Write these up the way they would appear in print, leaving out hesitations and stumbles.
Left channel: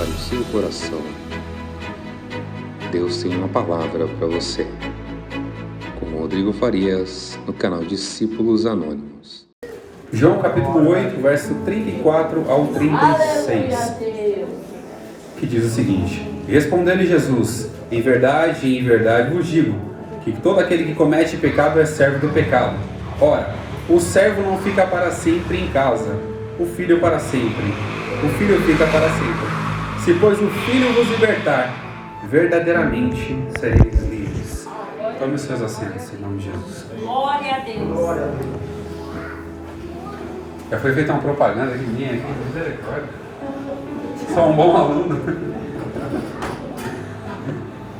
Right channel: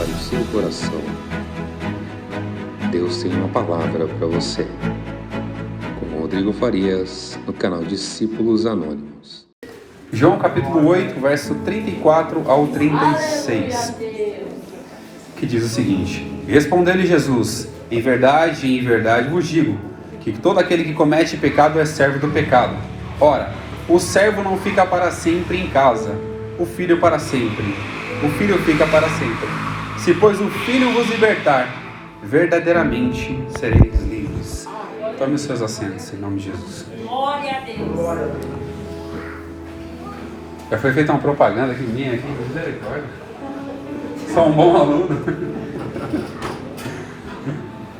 prepare o seu coração. Deus tem uma palavra para você. Com Rodrigo Farias, no canal Discípulos Anônimos. João capítulo 8, verso 34 ao 36, que diz o seguinte: Respondeu-lhe Jesus: em verdade vos digo, que todo aquele que comete pecado é servo do pecado. Ora, o servo não fica para sempre em casa, o filho para sempre. O filho fica para sempre. Se, pois, o filho vos libertar, verdadeiramente sereis livres. Tome os seus assentos, em nome de Jesus. Glória a Deus. Já foi feita uma propaganda aqui minha, aqui, misericórdia. Sou um bom aluno.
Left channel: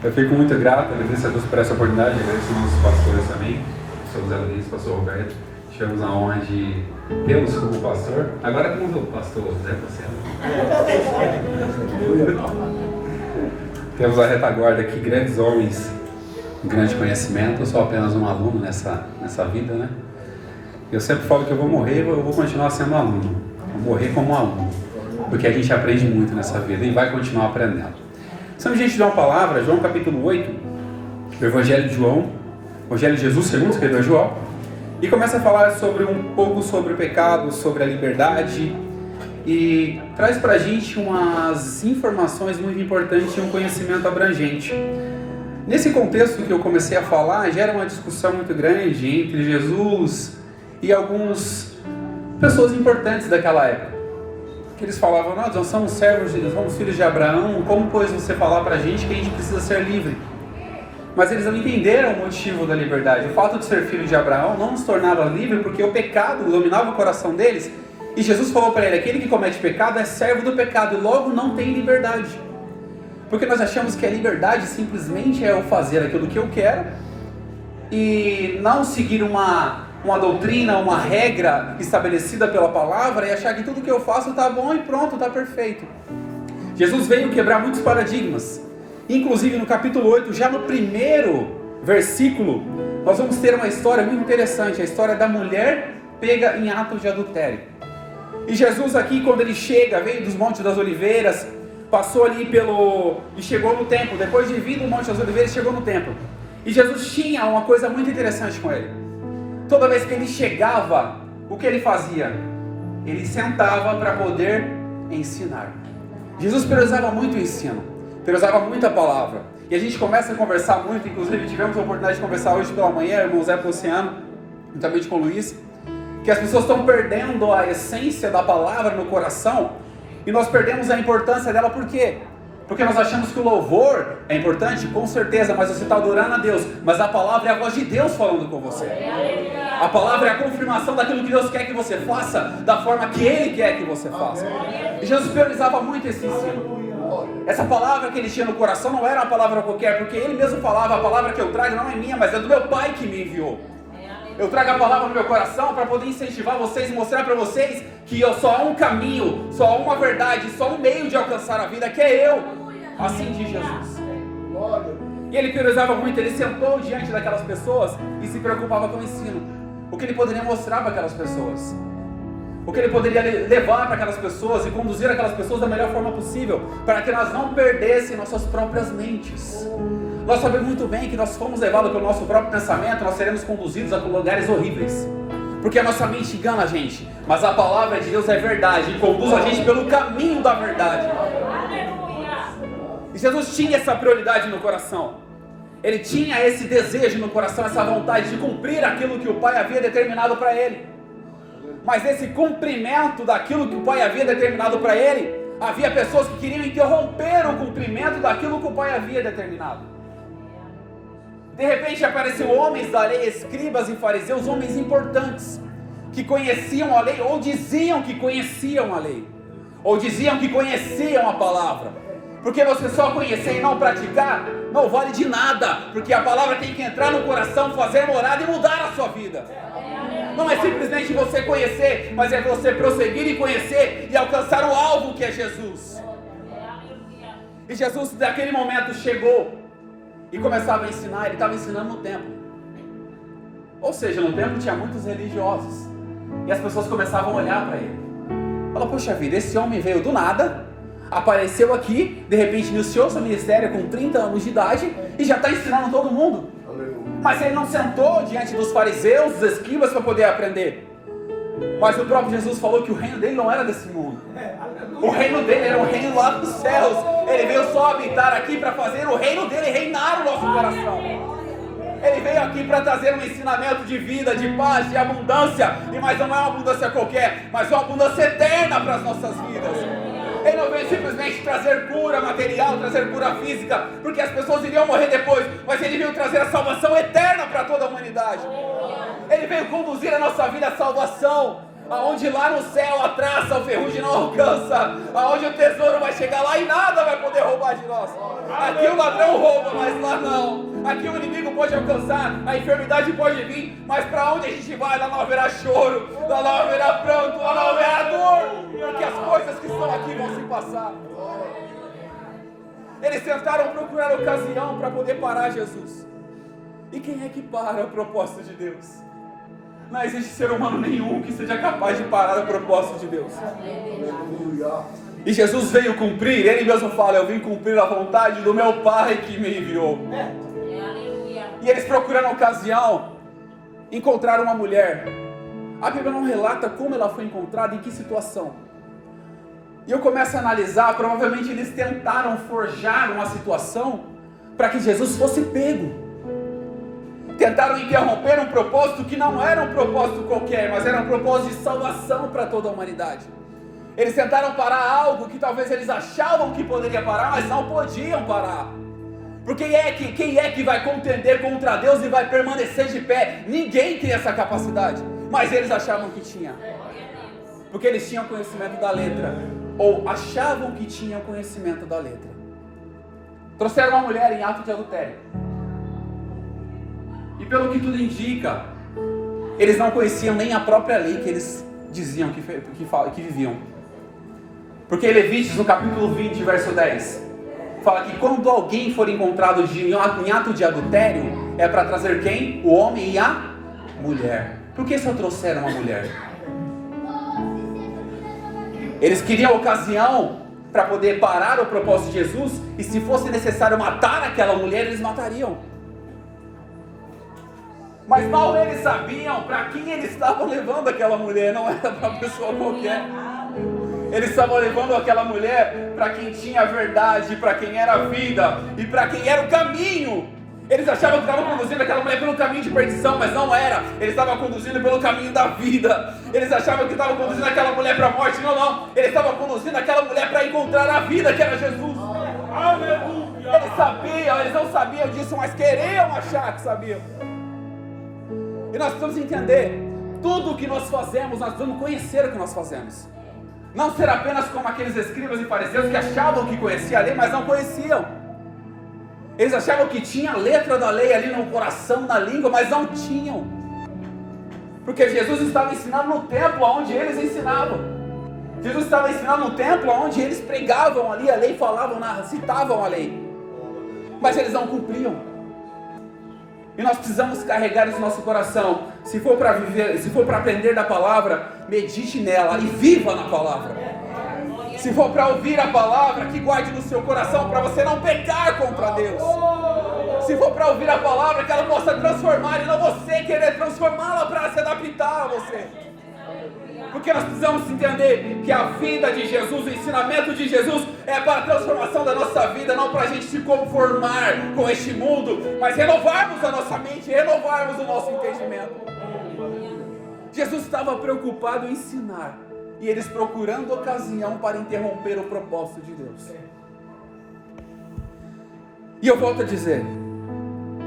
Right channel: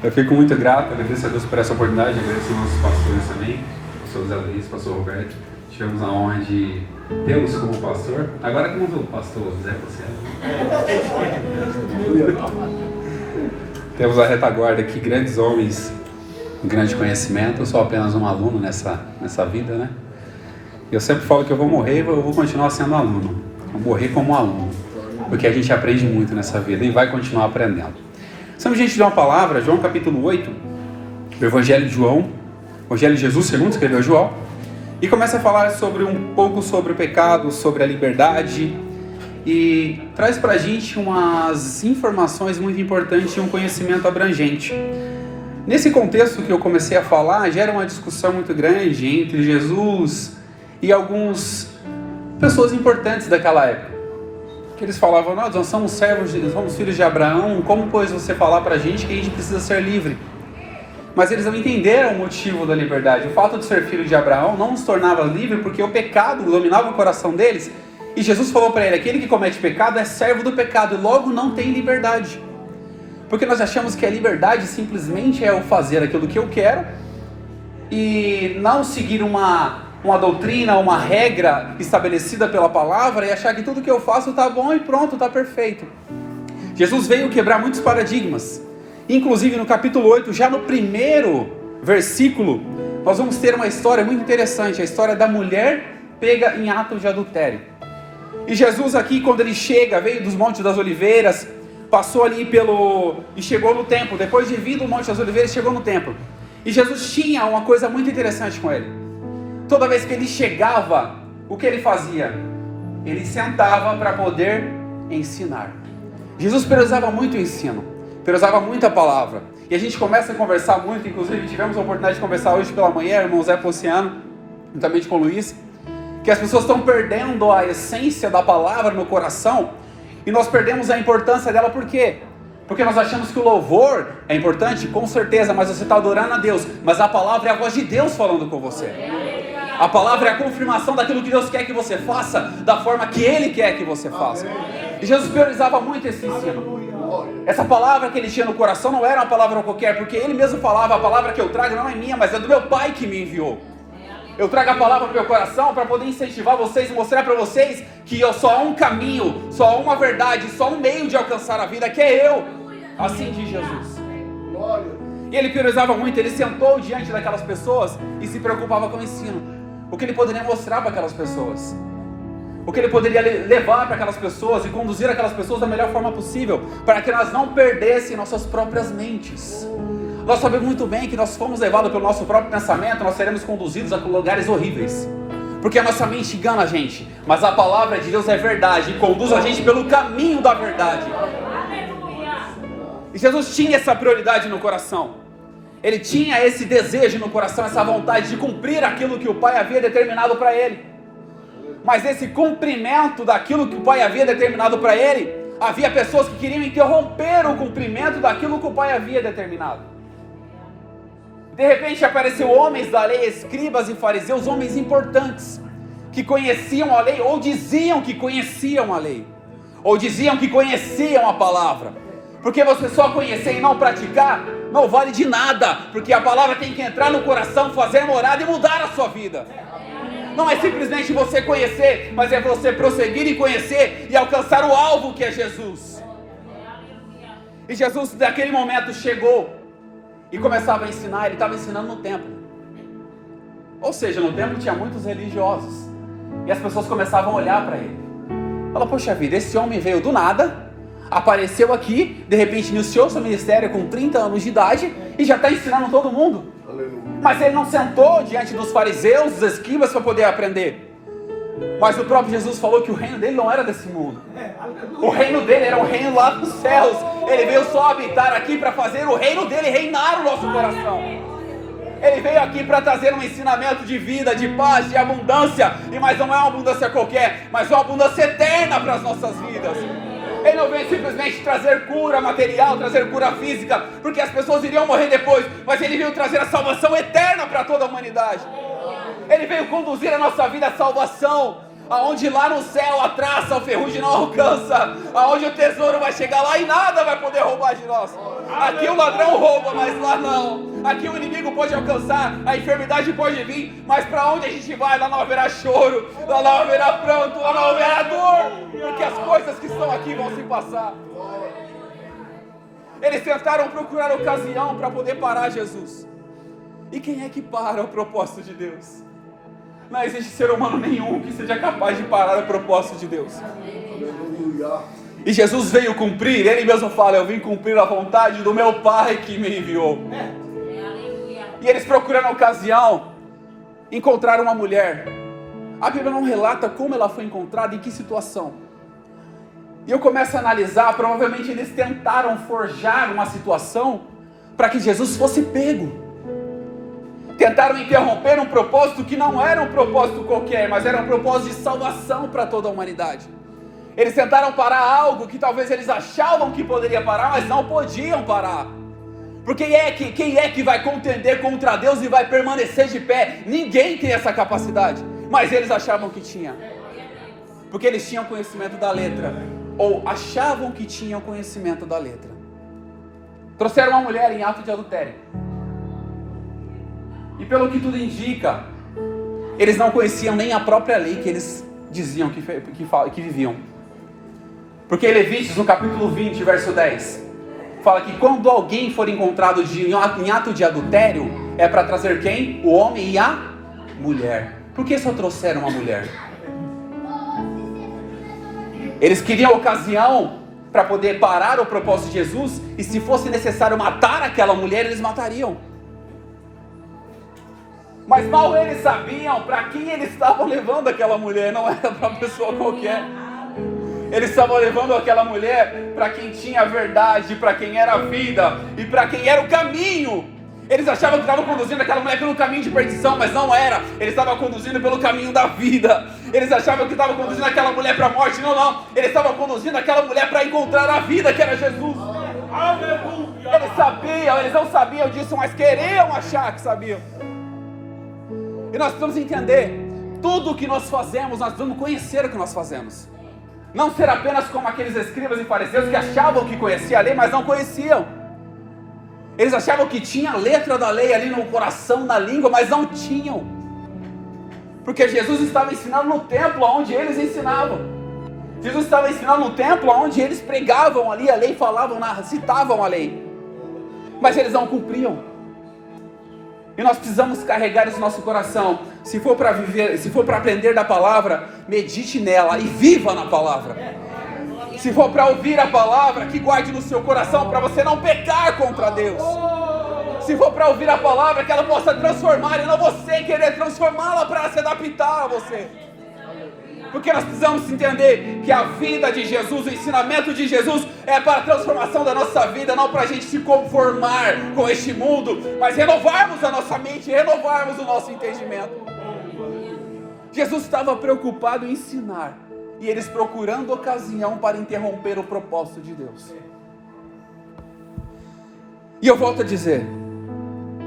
Eu fico muito grato, agradeço a Deus por essa oportunidade, agradeço aos nossos pastores também, pastor Zé Luiz, pastor Roberto. Tivemos a honra de tê-los como pastor. Agora temos o pastor Zé Luciano. Temos a retaguarda aqui, grandes homens, um grande conhecimento. Eu sou apenas um aluno nessa vida, né? Eu sempre falo que eu vou morrer, eu vou continuar sendo aluno. Vou morrer como aluno, porque a gente aprende muito nessa vida e vai continuar aprendendo. Estamos diante de uma palavra, João capítulo 8, do Evangelho de João, Evangelho de Jesus, segundo escreveu João, e começa a falar um pouco sobre o pecado, sobre a liberdade, e traz pra gente umas informações muito importantes e um conhecimento abrangente. Nesse contexto que eu comecei a falar, gera uma discussão muito grande entre Jesus e algumas pessoas importantes daquela época. Que eles falavam: nós somos servos, nós somos filhos de Abraão, como pois você falar pra gente que a gente precisa ser livre? Mas eles não entenderam o motivo da liberdade. O fato de ser filho de Abraão não nos tornava livre porque o pecado dominava o coração deles. E Jesus falou para ele: aquele que comete pecado é servo do pecado e logo não tem liberdade. Porque nós achamos que a liberdade simplesmente é o fazer aquilo que eu quero e não seguir uma doutrina, uma regra estabelecida pela palavra e achar que tudo que eu faço está bom e pronto, está perfeito. Jesus veio quebrar muitos paradigmas. Inclusive no capítulo 8, já no primeiro versículo, nós vamos ter uma história muito interessante, a história da mulher pega em ato de adultério. E Jesus aqui, quando ele chega, veio dos Montes das Oliveiras, passou ali e chegou no templo. Depois de vir do Monte das Oliveiras, chegou no templo. E Jesus tinha uma coisa muito interessante com ele. Toda vez que ele chegava, o que ele fazia? Ele sentava para poder ensinar. Jesus prezava muito o ensino. Usava muita palavra, e a gente começa a conversar muito. Inclusive tivemos a oportunidade de conversar hoje pela manhã, irmão Zé Luciano, juntamente com o Luiz, que as pessoas estão perdendo a essência da palavra no coração, e nós perdemos a importância dela. Por quê? Porque nós achamos que o louvor é importante, com certeza, mas você está adorando a Deus, mas a palavra é a voz de Deus falando com você. A palavra é a confirmação daquilo que Deus quer que você faça, da forma que Ele quer que você faça. E Jesus priorizava muito esse ensino. Essa palavra que ele tinha no coração não era uma palavra qualquer, porque ele mesmo falava: a palavra que eu trago não é minha, mas é do meu Pai que me enviou. Eu trago a palavra no meu coração para poder incentivar vocês e mostrar para vocês que só há um caminho, só há uma verdade, só há um meio de alcançar a vida, que é eu. Assim diz Jesus. E ele priorizava muito, ele sentou diante daquelas pessoas e se preocupava com o ensino. O que ele poderia mostrar para aquelas pessoas, o que ele poderia levar para aquelas pessoas e conduzir aquelas pessoas da melhor forma possível, para que elas não perdessem nossas próprias mentes. Nós sabemos muito bem que nós fomos levados pelo nosso próprio pensamento, nós seremos conduzidos a lugares horríveis, porque a nossa mente engana a gente, mas a palavra de Deus é verdade e conduz a gente pelo caminho da verdade. E Jesus tinha essa prioridade no coração, ele tinha esse desejo no coração, essa vontade de cumprir aquilo que o Pai havia determinado para ele. Mas nesse cumprimento daquilo que o Pai havia determinado para ele, havia pessoas que queriam interromper o cumprimento daquilo que o Pai havia determinado. De repente apareceram homens da lei, escribas e fariseus, homens importantes, que conheciam a lei, ou diziam que conheciam a lei, ou diziam que conheciam a palavra. Porque você só conhecer e não praticar, não vale de nada, porque a palavra tem que entrar no coração, fazer morada e mudar a sua vida. Não é simplesmente você conhecer, mas é você prosseguir e conhecer e alcançar o alvo, que é Jesus. E Jesus naquele momento chegou e começava a ensinar. Ele estava ensinando no templo. Ou seja, no templo tinha muitos religiosos, e as pessoas começavam a olhar para ele. Fala: poxa vida, esse homem veio do nada, apareceu aqui, de repente iniciou seu ministério com 30 anos de idade e já está ensinando todo mundo. Mas ele não sentou diante dos fariseus, dos escribas, para poder aprender. Mas o próprio Jesus falou que o reino dele não era desse mundo. O reino dele era um reino lá dos céus. Ele veio só habitar aqui para fazer o reino dele reinar no nosso coração. Ele veio aqui para trazer um ensinamento de vida, de paz, de abundância. Mas não é uma abundância qualquer, mas uma abundância eterna para as nossas vidas. Ele não veio simplesmente trazer cura material, trazer cura física, porque as pessoas iriam morrer depois, mas ele veio trazer a salvação eterna para toda a humanidade. Ele veio conduzir a nossa vida à salvação, aonde lá no céu a traça, o ferrugem não alcança, aonde o tesouro vai chegar lá e nada vai poder roubar de nós. Aqui o ladrão rouba, mas lá não. Aqui o inimigo pode alcançar, a enfermidade pode vir, mas para onde a gente vai, lá não haverá choro, lá não haverá pranto, lá não haverá dor, porque as coisas que estão aqui vão se passar. Eles tentaram procurar ocasião para poder parar Jesus. E quem é que para o propósito de Deus? Não existe ser humano nenhum que seja capaz de parar o propósito de Deus. E Jesus veio cumprir, ele mesmo fala, eu vim cumprir a vontade do meu Pai que me enviou. E eles procurando ocasião, encontraram uma mulher. A Bíblia não relata como ela foi encontrada, em que situação. E eu começo a analisar, provavelmente eles tentaram forjar uma situação para que Jesus fosse pego. Tentaram interromper um propósito que não era um propósito qualquer, mas era um propósito de salvação para toda a humanidade. Eles tentaram parar algo que talvez eles achavam que poderia parar, mas não podiam parar. Porque quem é que vai contender contra Deus e vai permanecer de pé? Ninguém tem essa capacidade, mas eles achavam que tinha. Porque eles tinham conhecimento da letra, ou achavam que tinham conhecimento da letra. Trouxeram uma mulher em ato de adultério. E pelo que tudo indica, eles não conheciam nem a própria lei que eles diziam que viviam. Porque Levíticos, no capítulo 20, verso 10, fala que quando alguém for encontrado em ato de adultério, é para trazer quem? O homem e a mulher. Por que só trouxeram a mulher? Eles queriam ocasião para poder parar o propósito de Jesus, e se fosse necessário matar aquela mulher, eles matariam. Mas mal eles sabiam para quem eles estavam levando aquela mulher, não era para uma pessoa qualquer. Eles estavam levando aquela mulher para quem tinha a verdade, para quem era a vida e para quem era o caminho. Eles achavam que estavam conduzindo aquela mulher pelo caminho de perdição, mas não era. Eles estavam conduzindo pelo caminho da vida. Eles achavam que estavam conduzindo aquela mulher para a morte, não. Eles estavam conduzindo aquela mulher para encontrar a vida, que era Jesus. Aleluia! Eles sabiam, eles não sabiam disso, mas queriam achar que sabiam. E nós precisamos entender, tudo o que nós fazemos, nós precisamos conhecer o que nós fazemos. Não ser apenas como aqueles escribas e fariseus que achavam que conheciam a lei, mas não conheciam. Eles achavam que tinha a letra da lei ali no coração, na língua, mas não tinham. Porque Jesus estava ensinando no templo onde eles ensinavam. Jesus estava ensinando no templo onde eles pregavam ali a lei, citavam a lei. Mas eles não cumpriam. E nós precisamos carregar isso no nosso coração. Se for para viver, se for para aprender da palavra, medite nela e viva na palavra. Se for para ouvir a palavra, que guarde no seu coração para você não pecar contra Deus. Se for para ouvir a palavra, que ela possa transformar e não você querer transformá-la para se adaptar a você. Porque nós precisamos entender que a vida de Jesus, o ensinamento de Jesus é para a transformação da nossa vida, não para a gente se conformar com este mundo, mas renovarmos a nossa mente, renovarmos o nosso entendimento. Jesus estava preocupado em ensinar, e eles procurando ocasião para interromper o propósito de Deus. E eu volto a dizer,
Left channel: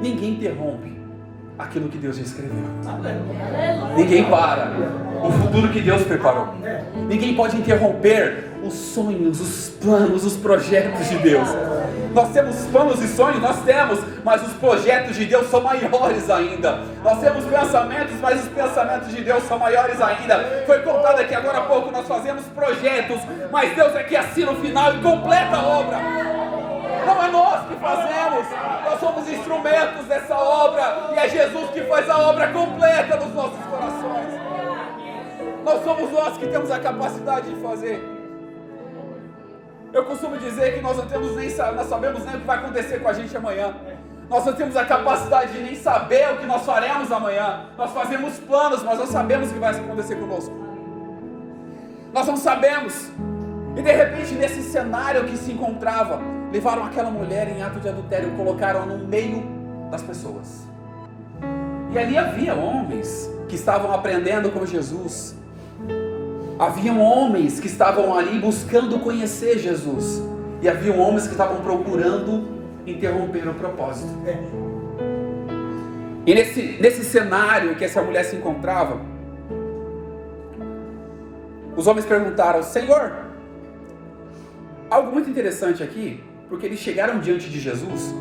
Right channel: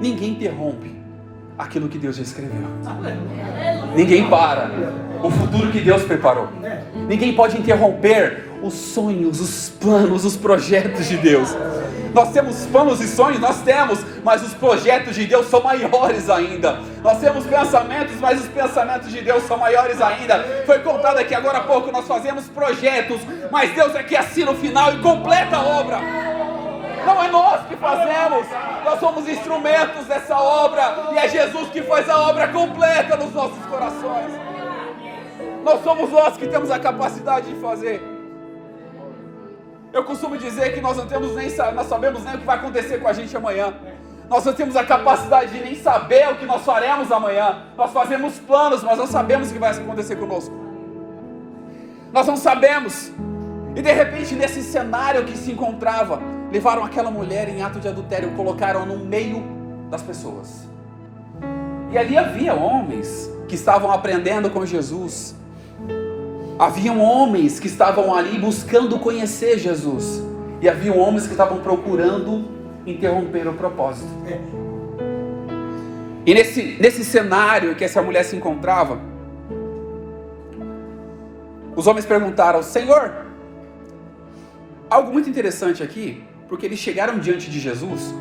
ninguém interrompe aquilo que Deus já escreveu. Ninguém para o futuro que Deus preparou. Ninguém pode interromper os sonhos, os planos, os projetos de Deus. Nós temos planos e sonhos, nós temos, mas os projetos de Deus são maiores ainda. Nós temos pensamentos, mas os pensamentos de Deus são maiores ainda. Foi contado aqui agora há pouco, nós fazemos projetos, mas Deus é que assina o final e completa a obra. Não é nós que fazemos, nós somos instrumentos dessa obra, e é Jesus que faz a obra completa nos nossos corações. Nós somos nós que temos a capacidade de fazer. Eu costumo dizer que nós não sabemos nem o que vai acontecer com a gente amanhã. Nós não temos a capacidade de nem saber o que nós faremos amanhã. Nós fazemos planos, mas não sabemos o que vai acontecer conosco. Nós não sabemos. E de repente, nesse cenário que se encontrava, levaram aquela mulher em ato de adultério e colocaram no meio das pessoas. E ali havia homens que estavam aprendendo com Jesus. Haviam homens que estavam ali buscando conhecer Jesus. E haviam homens que estavam procurando interromper o propósito. E nesse cenário que essa mulher se encontrava, os homens perguntaram: Senhor, algo muito interessante aqui, porque eles chegaram diante de Jesus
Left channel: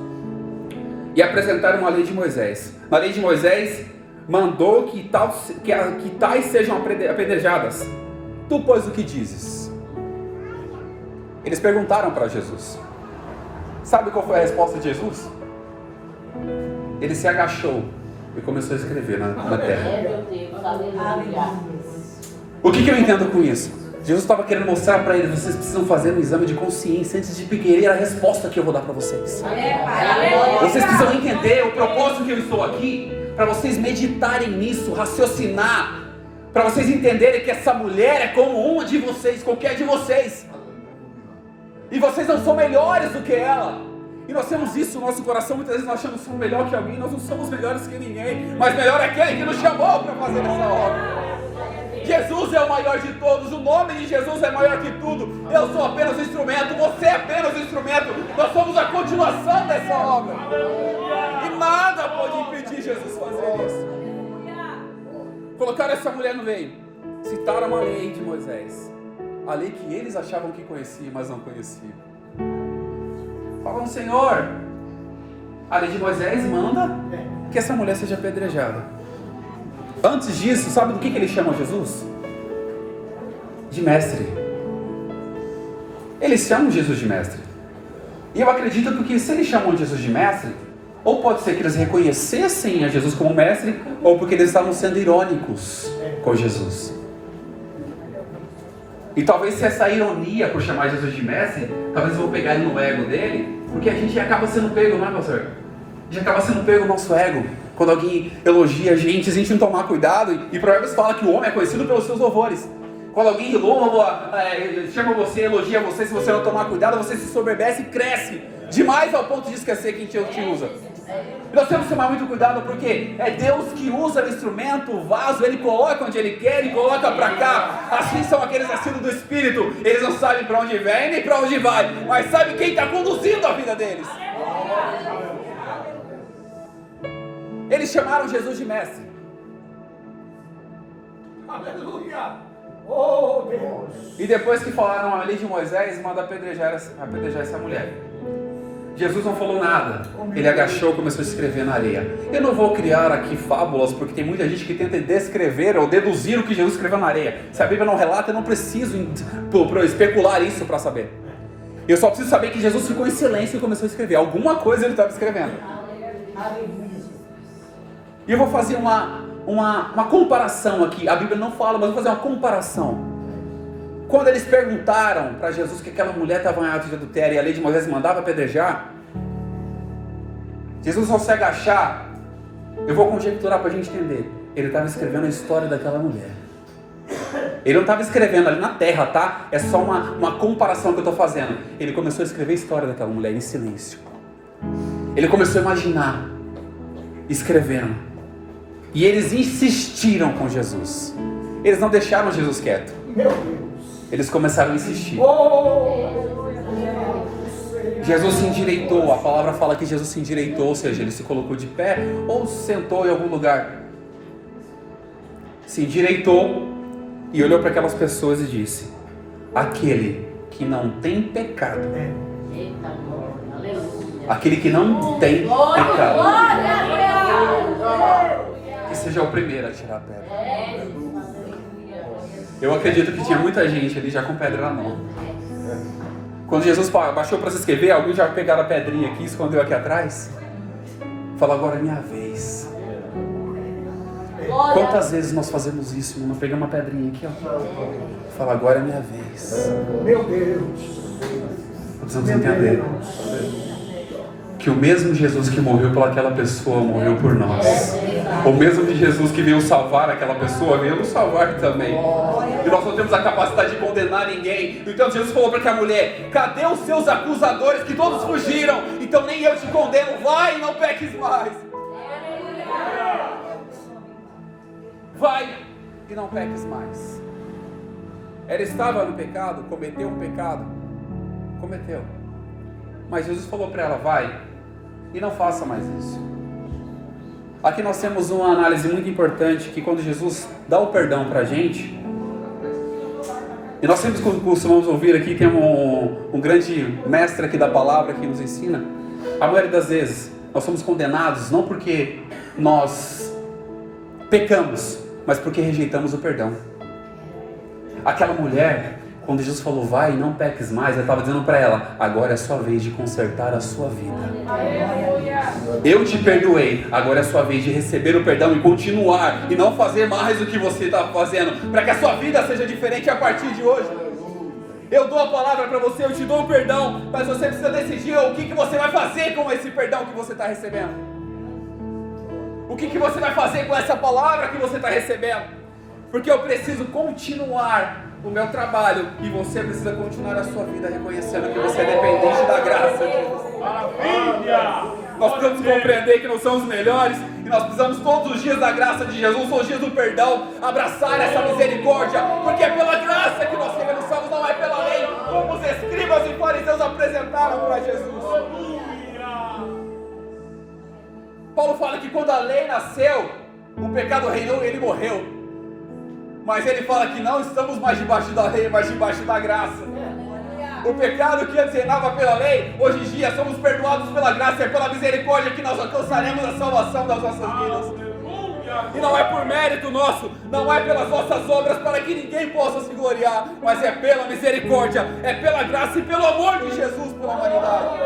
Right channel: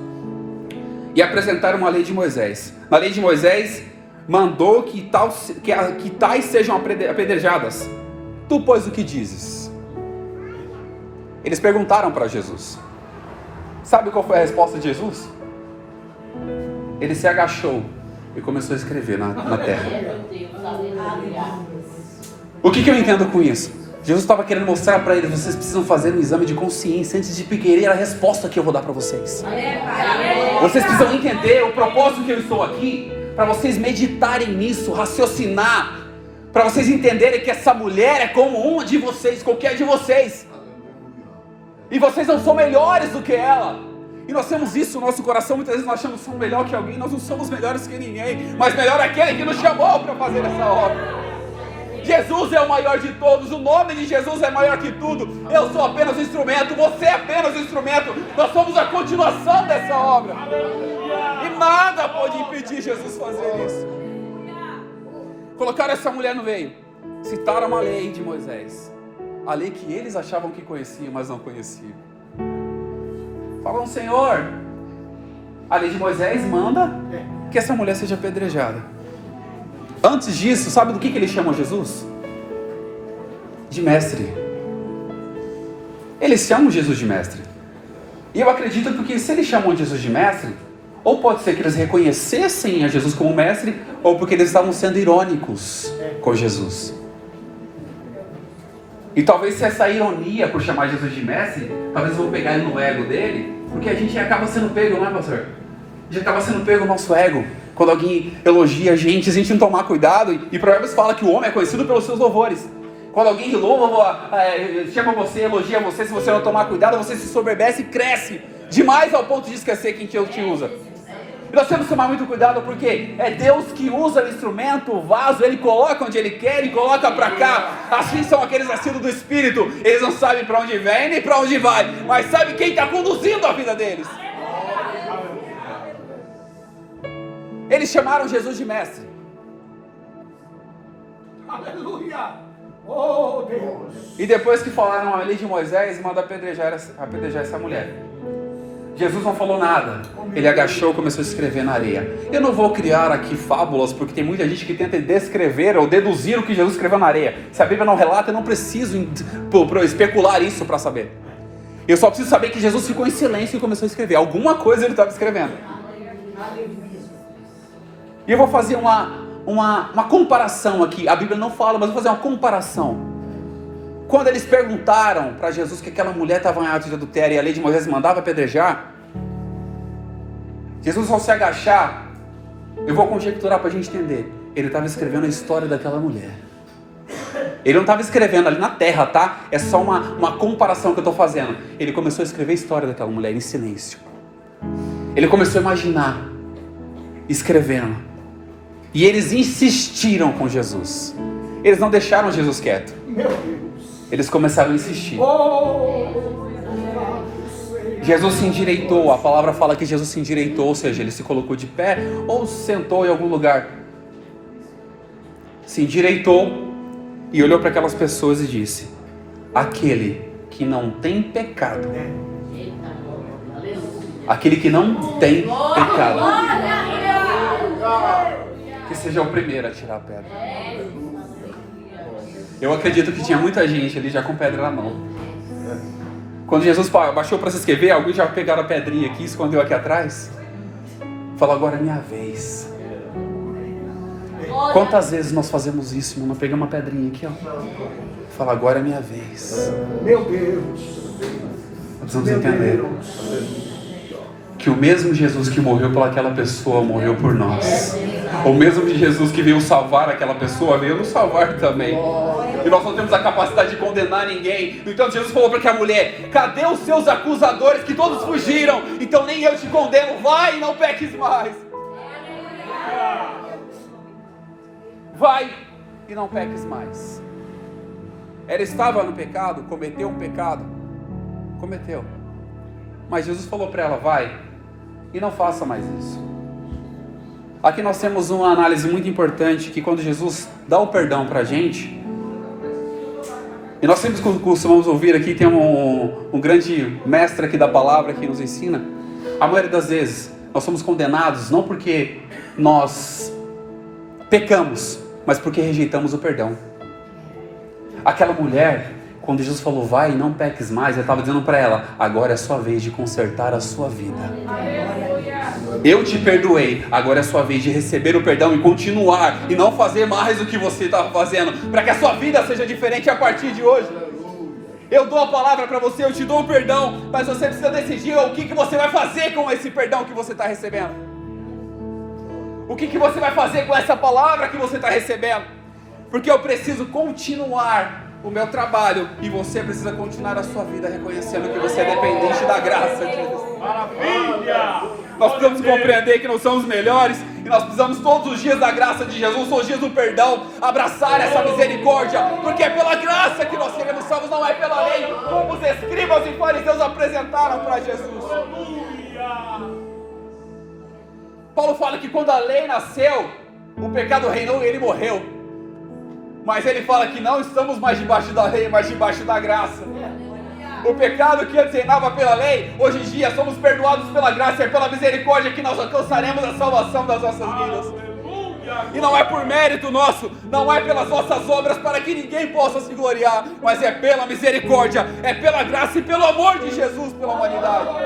e apresentaram a lei de Moisés. Na lei de Moisés mandou que tais sejam apedrejadas. Tu, pois, o que dizes? Eles perguntaram para Jesus. Sabe qual foi a resposta de Jesus? Ele se agachou e começou a escrever na terra. O que eu entendo com isso? Jesus estava querendo mostrar para eles: vocês precisam fazer um exame de consciência antes de querer a resposta que eu vou dar para vocês. Vocês precisam entender o propósito que eu estou aqui, para vocês meditarem nisso, raciocinar, para vocês entenderem que essa mulher é como uma de vocês, qualquer de vocês, e vocês não são melhores do que ela. E nós temos isso no nosso coração. Muitas vezes nós achamos que somos melhor que alguém. Nós não somos melhores que ninguém, mas melhor é aquele que nos chamou para fazer essa obra. Jesus é o maior de todos, o nome de Jesus é maior que tudo. Eu sou apenas um instrumento, você é apenas um instrumento. Nós somos a continuação dessa obra. E nada pode impedir Jesus fazer isso. Colocaram essa mulher no meio, citaram a lei de Moisés, a lei que eles achavam que conheciam, mas não conheciam. Falam: Senhor, a lei de Moisés manda que essa mulher seja apedrejada. Antes disso, sabe do que eles chamam Jesus? De mestre. Eles chamam Jesus de mestre. E eu acredito porque se eles chamam Jesus de mestre, ou pode ser que eles reconhecessem a Jesus como mestre, ou porque eles estavam sendo irônicos com Jesus. E talvez se essa ironia por chamar Jesus de mestre, talvez eu vou pegar no ego dele, porque a gente acaba sendo pego, não é, pastor? A gente acaba sendo pego no nosso ego. Quando alguém elogia a gente não tomar cuidado, e Provérbios fala que o homem é conhecido pelos seus louvores. Quando alguém louva, chama você, elogia você, se você não tomar cuidado, você se soberbece e cresce demais ao ponto de esquecer quem te usa. E nós temos que tomar muito cuidado, porque é Deus que usa o instrumento, o vaso, Ele coloca onde Ele quer e coloca para cá. Assim são aqueles nascidos do Espírito. Eles não sabem para onde vem nem para onde vai, mas sabem quem está conduzindo a vida deles. Eles chamaram Jesus de mestre. Aleluia! Oh Deus! E depois que falaram a lei de Moisés, manda apedrejar essa mulher. Jesus não falou nada. Ele agachou e começou a escrever na areia. Eu não vou criar aqui fábulas, porque tem muita gente que tenta descrever ou deduzir o que Jesus escreveu na areia. Se a Bíblia não relata, eu não preciso especular isso para saber. Eu só preciso saber que Jesus ficou em silêncio e começou a escrever. Alguma coisa ele estava escrevendo. E eu vou fazer uma comparação aqui. A Bíblia não fala, mas eu vou fazer uma comparação. Quando eles perguntaram para Jesus que aquela mulher estava em ato de adultério e a lei de Moisés mandava apedrejar, Jesus, ao se agachar, eu vou conjecturar para a gente entender, ele estava escrevendo a história daquela mulher. Ele não estava escrevendo ali na terra, tá? É só uma comparação que eu estou fazendo. Ele começou a escrever a história daquela mulher em silêncio. Ele começou a imaginar, escrevendo. E eles insistiram com Jesus. Eles não deixaram Jesus quieto. Meu Deus! Eles começaram a insistir. Oh! Jesus se endireitou. A palavra fala que Jesus se endireitou, ou seja, ele se colocou de pé ou se sentou em algum lugar. Se endireitou e olhou para aquelas pessoas e disse: aquele que não tem pecado, aquele que não tem pecado, que seja o primeiro a tirar a pedra. Eu acredito que tinha muita gente ali já com pedra na mão. Quando Jesus baixou para se escrever, alguns já pegaram a pedrinha aqui, escondeu aqui atrás. Falou: agora é minha vez. Quantas vezes nós fazemos isso, irmão? Pegamos uma pedrinha aqui, ó. Fala: agora é minha vez. Meu Deus! precisamos entender que o mesmo Jesus que morreu por aquela pessoa morreu por nós. O mesmo Jesus que veio salvar aquela pessoa veio nos salvar também. E nós não temos a capacidade de condenar ninguém. Então Jesus falou para aquela mulher: cadê os seus acusadores que todos fugiram? Então nem eu te condeno, vai e não peques mais. Vai e não peques mais. Ela estava no pecado, cometeu um pecado, cometeu. Mas Jesus falou para ela: vai e não faça mais isso. Aqui nós temos uma análise muito importante, que quando Jesus dá o perdão para a gente, e nós sempre costumamos ouvir aqui, tem um grande mestre aqui da palavra que nos ensina, a maioria das vezes nós somos condenados não porque nós pecamos, mas porque rejeitamos o perdão. Aquela mulher, quando Jesus falou: vai e não peques mais, ele estava dizendo para ela: agora é a sua vez de consertar a sua vida. Eu te perdoei, agora é a sua vez de receber o perdão e continuar, e não fazer mais o que você estava fazendo, para que a sua vida seja diferente a partir de hoje. Eu dou a palavra para você, eu te dou o perdão, mas você precisa decidir o que você vai fazer com esse perdão que você está recebendo. O que você vai fazer com essa palavra que você está recebendo? Porque eu preciso continuar o meu trabalho e você precisa continuar a sua vida reconhecendo que você é dependente da graça de Deus. Nós precisamos compreender que não somos melhores e nós precisamos todos os dias da graça de Jesus, todos os dias do perdão, abraçar essa misericórdia, porque é pela graça que nós seremos salvos, não é pela lei, como os escribas e fariseus apresentaram para Jesus. Paulo fala que quando a lei nasceu, o pecado reinou e ele morreu. Mas ele fala que não estamos mais debaixo da lei, mas debaixo da graça. O pecado que antes reinava pela lei, hoje em dia somos perdoados pela graça e é pela misericórdia que nós alcançaremos a salvação das nossas vidas. E não é por mérito nosso, não é pelas nossas obras para que ninguém possa se gloriar, mas é pela misericórdia, é pela graça e pelo amor de Jesus pela humanidade.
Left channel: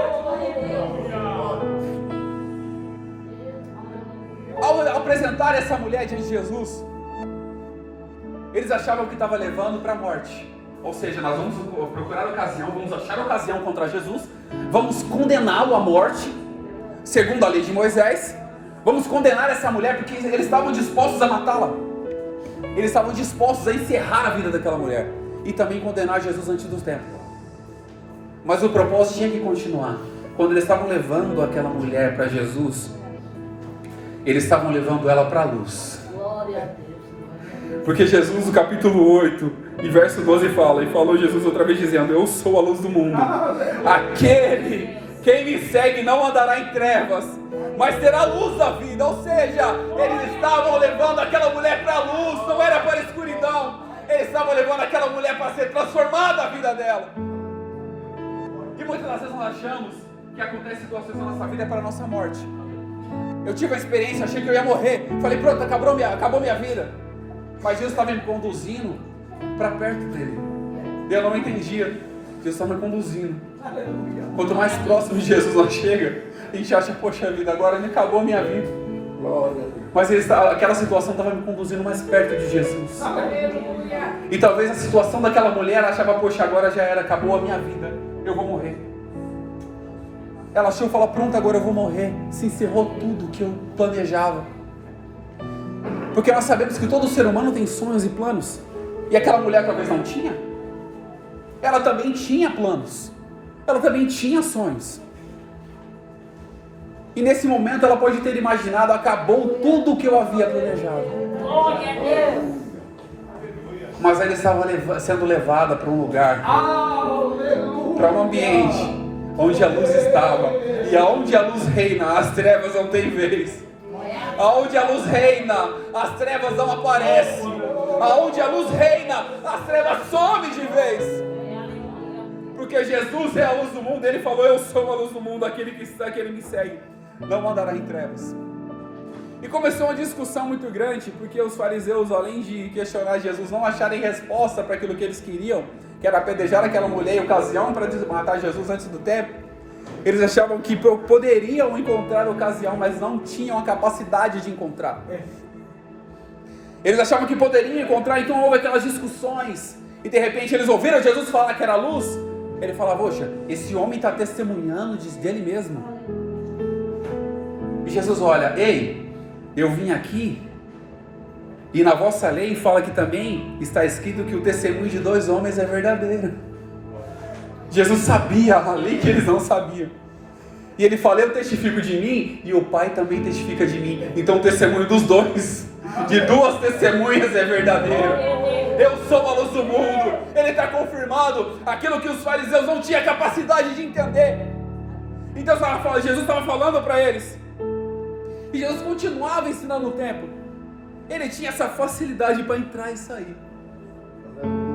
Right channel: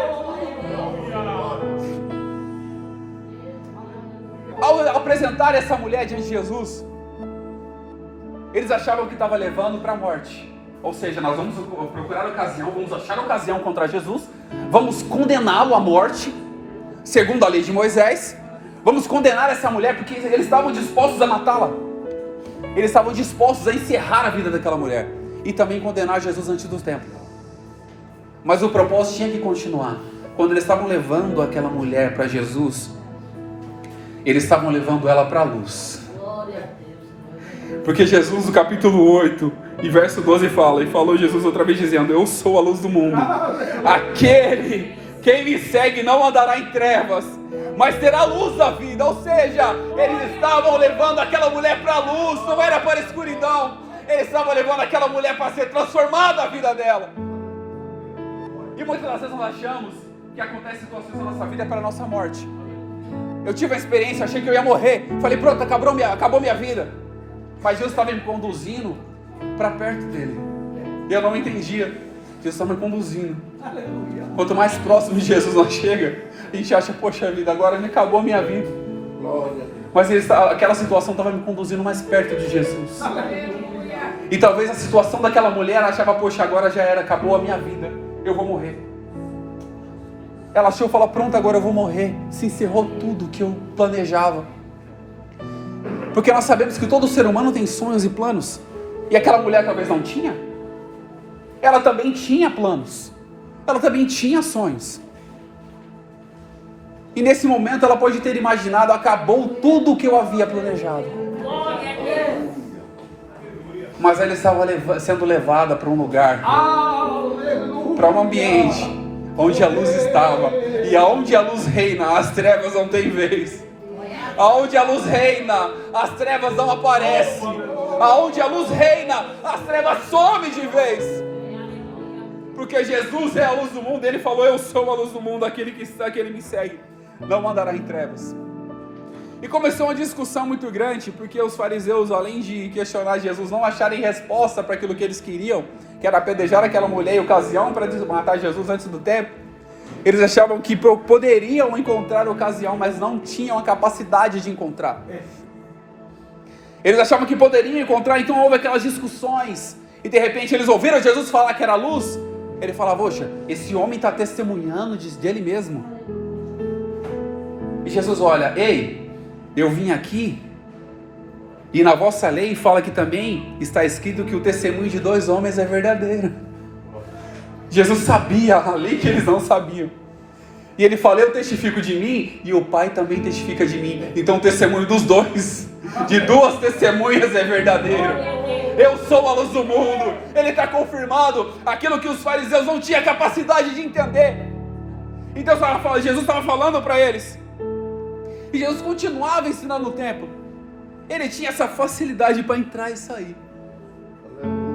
Ao apresentar essa mulher diante de Jesus, eles achavam que estava levando para a morte. Ou seja, nós vamos procurar ocasião, vamos achar ocasião contra Jesus, vamos condená-lo à morte, segundo a lei de Moisés. Vamos condenar essa mulher porque eles estavam dispostos a matá-la. Eles estavam dispostos a encerrar a vida daquela mulher e também condenar Jesus antes do tempo. Mas o propósito tinha que continuar. Quando eles estavam levando aquela mulher para Jesus, eles estavam levando ela para a luz. Porque Jesus, no capítulo 8 e verso 12 fala, e falou Jesus outra vez dizendo: eu sou a luz do mundo. Quem me segue não andará em trevas, mas terá luz da vida. Ou seja, eles estavam levando aquela mulher para a luz, não era para a escuridão. Eles estavam levando aquela mulher para ser transformada a vida dela. E muitas das vezes nós achamos que acontece situações na nossa vida é para a nossa morte. Eu tive a experiência, achei que eu ia morrer. Falei: pronto, acabou minha vida. Mas Deus estava me conduzindo para perto dele. E eu não entendia. Deus estava me conduzindo. Quanto mais próximo de Jesus nós chega, a gente acha: poxa vida, agora me acabou a minha vida. Mas aquela situação estava me conduzindo mais perto de Jesus. E talvez a situação daquela mulher, ela achava: poxa, agora já era, acabou a minha vida, eu vou morrer. Ela achou, falou: pronto, agora eu vou morrer. Se encerrou tudo que eu planejava. Porque nós sabemos que todo ser humano tem sonhos e planos. E aquela mulher talvez não tinha. Ela também tinha planos. Ela também tinha sonhos. E nesse momento ela pode ter imaginado: acabou tudo o que eu havia planejado. Mas ela estava sendo levada para um lugar, para um ambiente onde a luz estava. E aonde a luz reina, as trevas não têm vez. Aonde a luz reina, as trevas não aparecem. Aonde a luz reina, as trevas somem de vez. Porque Jesus é a luz do mundo. Ele falou: eu sou a luz do mundo, aquele que me segue não andará em trevas. E começou uma discussão muito grande, porque os fariseus, além de questionar Jesus, não acharem resposta para aquilo que eles queriam, que era apedrejar aquela mulher em ocasião para matar Jesus antes do tempo. Eles achavam que poderiam encontrar ocasião, mas não tinham a capacidade de encontrar. Eles achavam que poderiam encontrar, então houve aquelas discussões. E de repente eles ouviram Jesus falar que era luz, Ele fala, poxa, esse homem está testemunhando dele mesmo. E Jesus olha, ei, eu vim aqui, e na vossa lei fala que também está escrito que o testemunho de 2 homens é verdadeiro. Jesus sabia ali que eles não sabiam. E ele fala, eu testifico de mim, e o Pai também testifica de mim. Então o testemunho dos 2, de 2 testemunhas é verdadeiro. Eu sou a luz do mundo. Ele está confirmado aquilo que os fariseus não tinham capacidade de entender. Então Jesus estava falando para eles. E Jesus continuava ensinando o templo. Ele tinha essa facilidade para entrar e sair.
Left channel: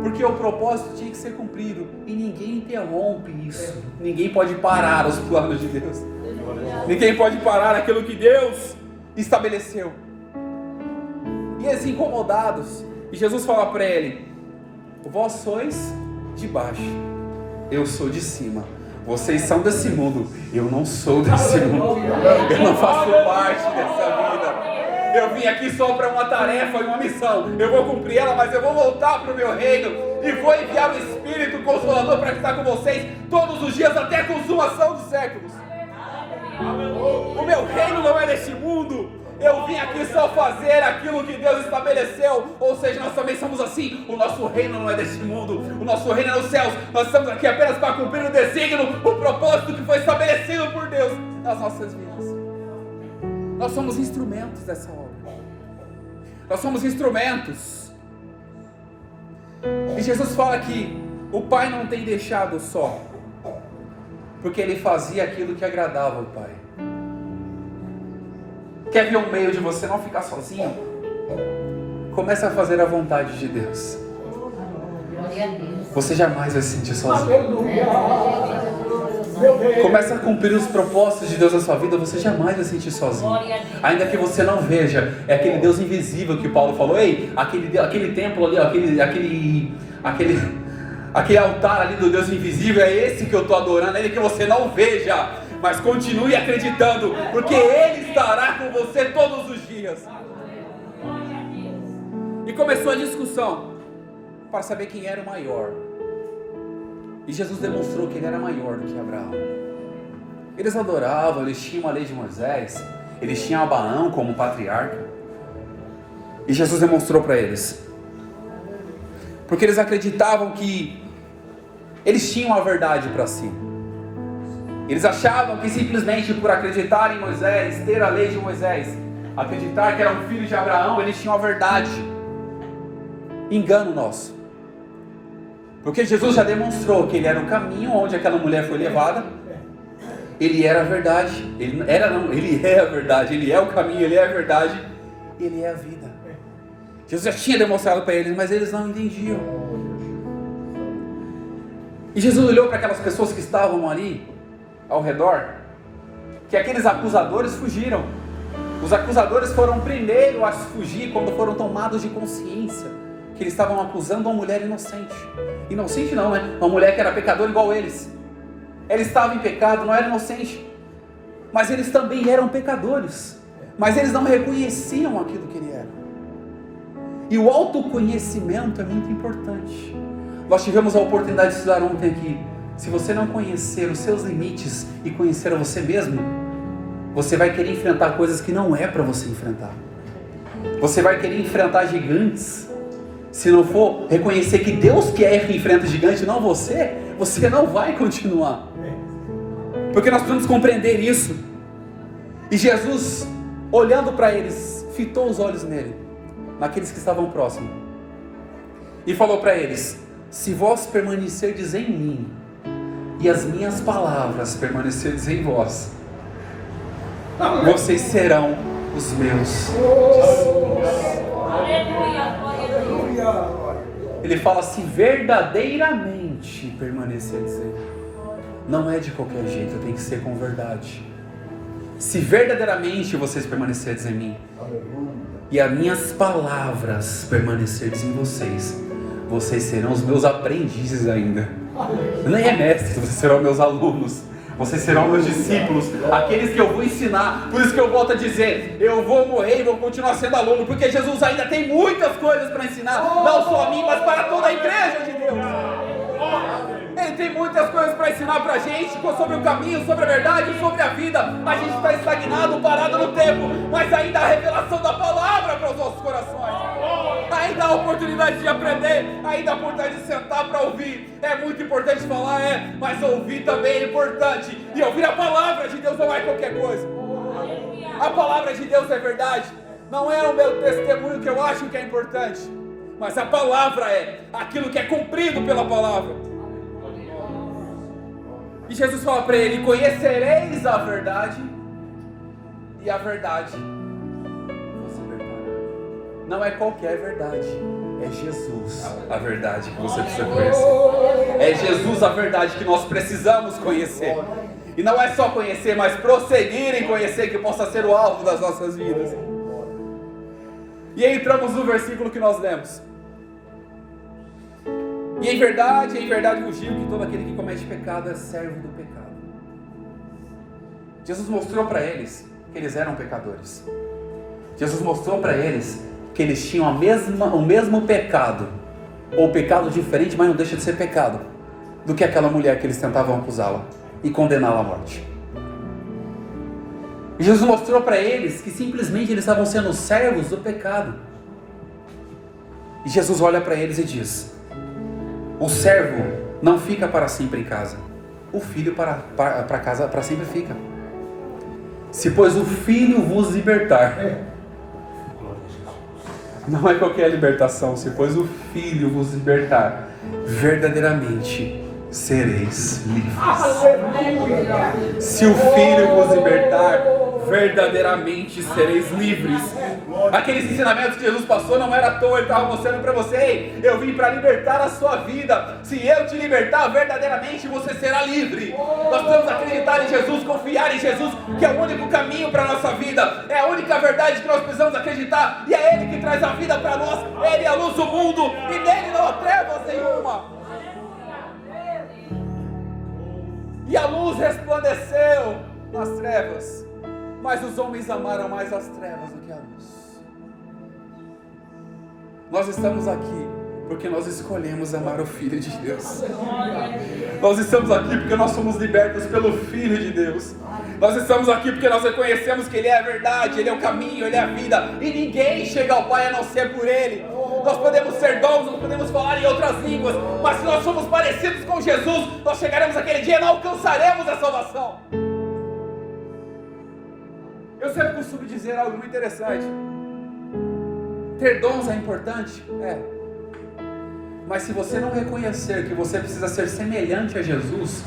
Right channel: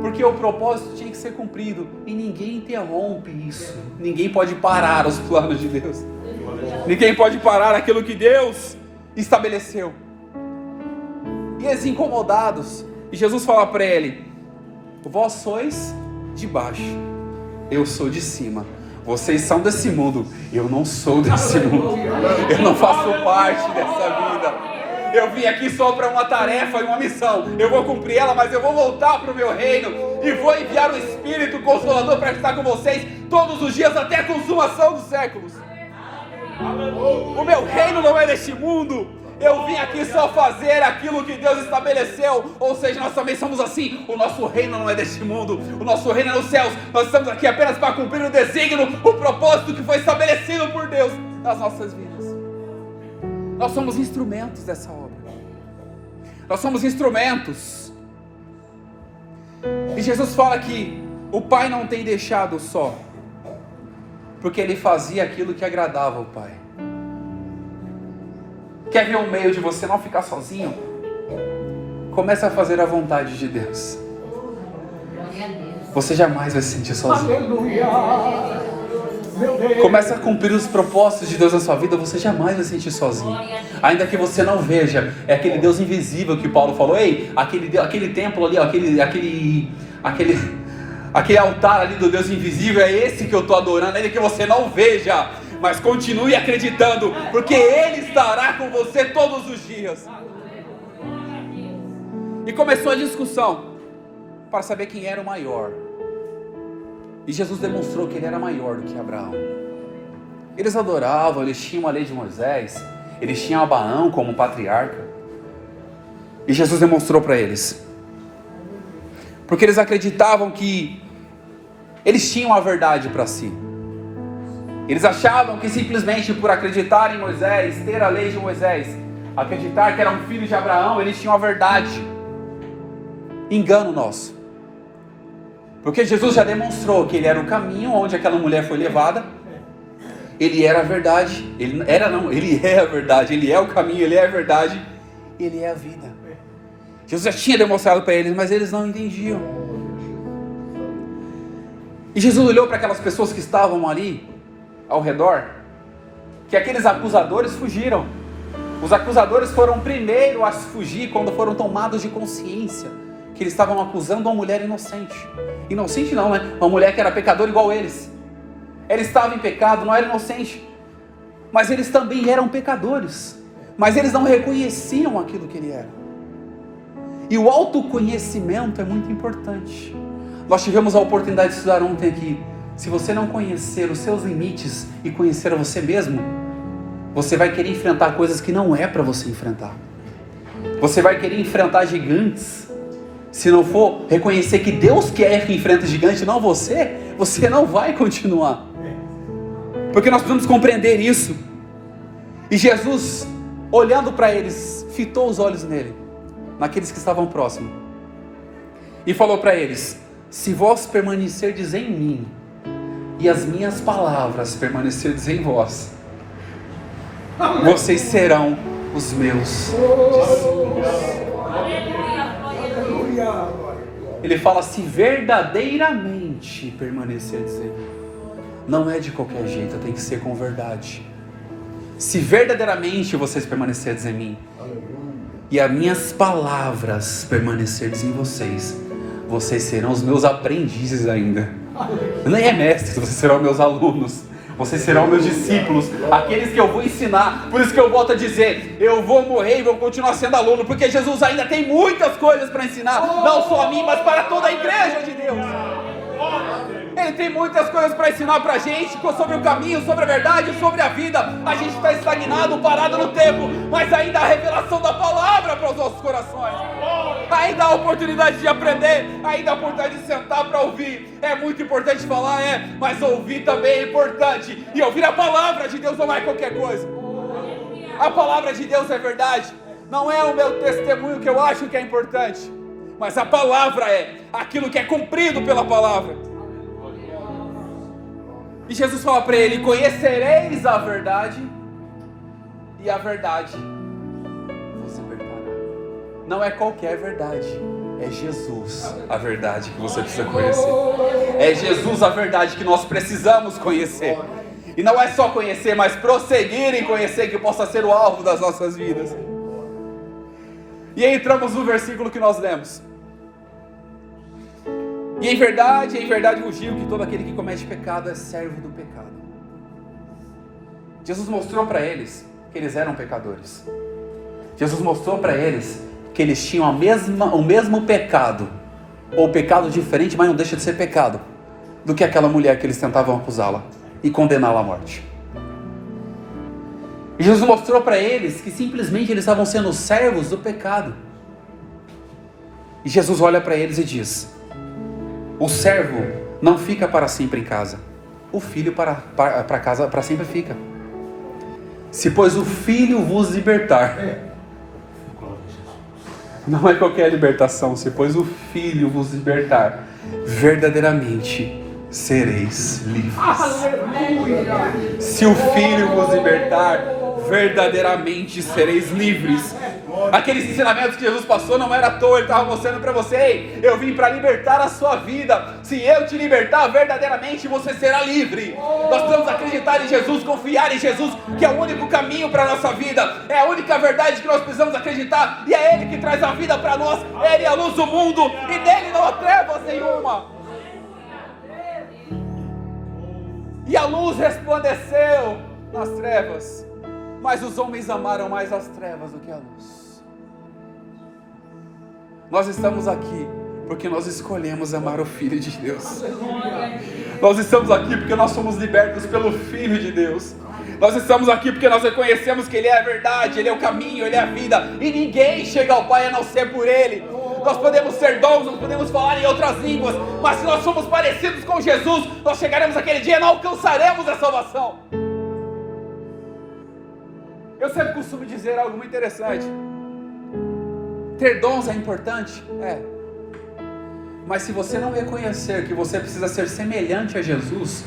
Porque o propósito tinha que ser cumprido. E ninguém interrompe isso. Ninguém pode parar os planos de Deus. Ninguém pode parar aquilo que Deus estabeleceu. E eles incomodados. E Jesus fala para ele, vós sois de baixo, eu sou de cima. Vocês são desse mundo, eu não sou desse mundo. Eu não faço parte dessa vida. Eu vim aqui só para uma tarefa e uma missão. Eu vou cumprir ela, mas eu vou voltar para o meu reino. E vou enviar o Espírito Consolador para estar com vocês todos os dias até a consumação dos séculos. O meu reino não é deste mundo. Eu vim aqui só fazer aquilo que Deus estabeleceu. Ou seja, nós também somos assim. O nosso reino não é deste mundo. O nosso reino é nos céus. Nós estamos aqui apenas para cumprir o desígnio, o propósito que foi estabelecido por Deus nas nossas vidas. Nós somos instrumentos dessa obra. Nós somos instrumentos. E Jesus fala que o Pai não tem deixado só, porque Ele fazia aquilo que agradava ao Pai. Quer ver um meio de você não ficar sozinho? Comece a fazer a vontade de Deus. Você jamais vai se sentir sozinho. Comece a cumprir os propósitos de Deus na sua vida, você jamais vai se sentir sozinho. Ainda que você não veja, é aquele Deus invisível que Paulo falou. Ei, aquele templo ali, aquele altar ali do Deus invisível, é esse que eu estou adorando, ainda que você não veja. Mas continue acreditando, porque Ele estará com você todos os dias. E começou a discussão para saber quem era o maior. E Jesus demonstrou que Ele era maior do que Abraão. Eles adoravam, eles tinham a lei de Moisés, eles tinham Abraão como patriarca. E Jesus demonstrou para eles, porque eles acreditavam que eles tinham a verdade para si. Eles achavam que simplesmente por acreditar em Moisés, ter a lei de Moisés, acreditar que era um filho de Abraão, eles tinham a verdade. Engano nosso. Porque Jesus já demonstrou que Ele era o caminho onde aquela mulher foi levada. Ele era a verdade. Ele é a verdade. Ele é o caminho, Ele é a verdade. E Ele é a vida. Jesus já tinha demonstrado para eles, mas eles não entendiam. E Jesus olhou para aquelas pessoas que estavam ali ao redor, que aqueles acusadores fugiram. Os acusadores foram primeiro a fugir quando foram tomados de consciência que eles estavam acusando uma mulher inocente. Inocente não, né? Uma mulher que era pecadora igual eles. Ela estava em pecado, não era inocente, mas eles também eram pecadores. Mas eles não reconheciam aquilo que ele era. E o autoconhecimento é muito importante. Nós tivemos a oportunidade de estudar ontem aqui. Se você não conhecer os seus limites e conhecer a você mesmo, você vai querer enfrentar coisas que não é para você enfrentar. Você vai querer enfrentar gigantes. Se não for reconhecer que Deus quer que enfrente gigante, não você não vai continuar. Porque nós precisamos compreender isso. E Jesus, olhando para eles, fitou os olhos nele, naqueles que estavam próximos, e falou para eles: se vós permanecerdes em mim, e as minhas palavras permanecerdes em vós, vocês serão os meus discípulos. Ele fala: se verdadeiramente permanecerdes em mim. Não é de qualquer jeito, tem que ser com verdade. Se verdadeiramente vocês permanecerdes em mim, e as minhas palavras permanecerdes em vocês, vocês serão os meus aprendizes ainda. Nem é mestre, vocês serão meus alunos. Vocês serão meus discípulos, aqueles que eu vou ensinar. Por isso que eu volto a dizer, eu vou morrer e vou continuar sendo aluno, porque Jesus ainda tem muitas coisas para ensinar, não só a mim, mas para toda a igreja de Deus. Ele Ele tem muitas coisas para ensinar pra gente sobre o caminho, sobre a verdade, sobre a vida. A gente está estagnado, parado no tempo, mas ainda há a revelação da palavra para os nossos corações. Ainda há a oportunidade de aprender, ainda há a oportunidade de sentar para ouvir. É muito importante falar, mas ouvir também é importante. E ouvir a palavra de Deus não é qualquer coisa. A palavra de Deus é verdade. Não é o meu testemunho que eu acho que é importante, mas a palavra é aquilo que é cumprido pela palavra. E Jesus fala para ele: conhecereis a verdade, e a verdade vos libertará. Não é qualquer verdade, é Jesus a verdade que você precisa conhecer. É Jesus a verdade que nós precisamos conhecer. E não é só conhecer, mas prosseguir em conhecer, que possa ser o alvo das nossas vidas. E aí entramos no versículo que nós lemos. E em verdade vos digo que todo aquele que comete pecado é servo do pecado. Jesus mostrou para eles que eles eram pecadores. Jesus mostrou para eles que eles tinham o mesmo pecado, ou pecado diferente, mas não deixa de ser pecado, do que aquela mulher que eles tentavam acusá-la e condená-la à morte. E Jesus mostrou para eles que simplesmente eles estavam sendo servos do pecado. E Jesus olha para eles e diz: o servo não fica para sempre em casa, o filho para casa para sempre fica. Se pois o filho vos libertar, não é qualquer libertação, se pois o filho vos libertar, verdadeiramente sereis livres. Aleluia. Se o filho vos libertar, verdadeiramente sereis livres. Aqueles ensinamentos que Jesus passou não era à toa. Ele estava mostrando para você: ei, eu vim para libertar a sua vida. Se eu te libertar, verdadeiramente você será livre. Nós precisamos acreditar em Jesus, confiar em Jesus, que é o único caminho para a nossa vida, é a única verdade que nós precisamos acreditar, e é Ele que traz a vida para nós. Ele é a luz do mundo, e nele não há trevas nenhuma. E a luz resplandeceu nas trevas, mas os homens amaram mais as trevas do que a luz. Nós estamos aqui porque nós escolhemos amar o Filho de Deus. Nós estamos aqui porque nós somos libertos pelo Filho de Deus. Nós estamos aqui porque nós reconhecemos que Ele é a verdade, Ele é o caminho, Ele é a vida, e ninguém chega ao Pai a não ser por Ele. Nós podemos ser dons, nós podemos falar em outras línguas, mas se nós somos parecidos com Jesus, nós chegaremos aquele dia e não alcançaremos a salvação. Eu sempre costumo dizer algo muito interessante: ter dons é importante? É. Mas se você não reconhecer que você precisa ser semelhante a Jesus,